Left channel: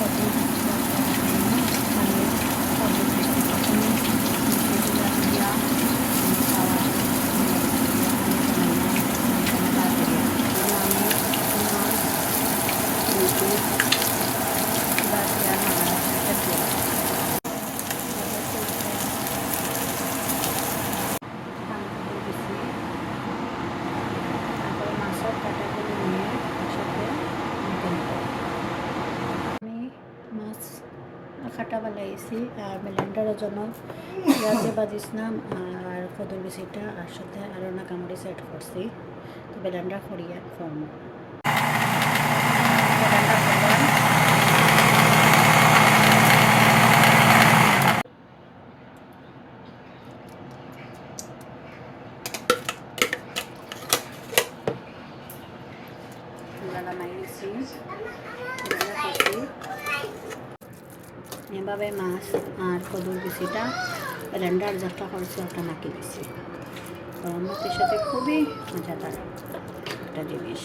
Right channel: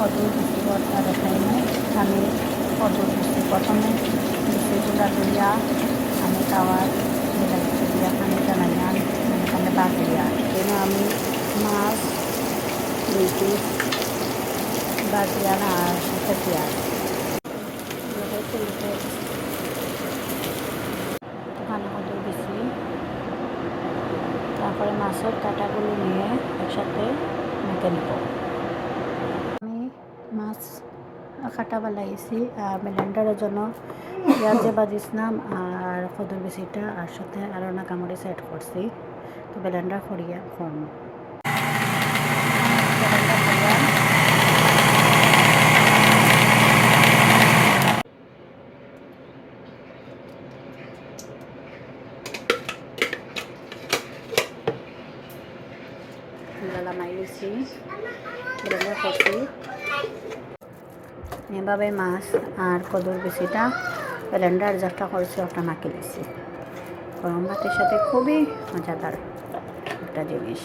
কদর বৃষ্টি বর্ষা দেখাই না আমি কদর বৃষ্টি প্রথমে বৃষ্টিগুলা দিয়া আমি খাওয়ার বিলাইতে দিয়া আমি জানাইলাম এখানে বাজিয়া জন্য আমি মাছ রুটি পেঁয়াজ ধান কদর দিছি তারপরে মাছের কাটাগুলো নিয়ে একসাথে মেখে নেব আমি মাছ কাটা বানাইছি আর ব্লেন্ডারের জন্য। পেঁয়াজে বাজিছিলাম আর কদর বিচিটা আর সাথে আরও না কামড়ি সেট করছি। তো ব্লেন্ডার করিয়া ব্লেন্ডার করছি এভাবে মাছ আর কদর বেশিটা ব্লেন্ডার যাটা করছি ওটা মাখি দিচ্ছি গরম ভাতের সাথে খুবই মজাদার একটা জিনিস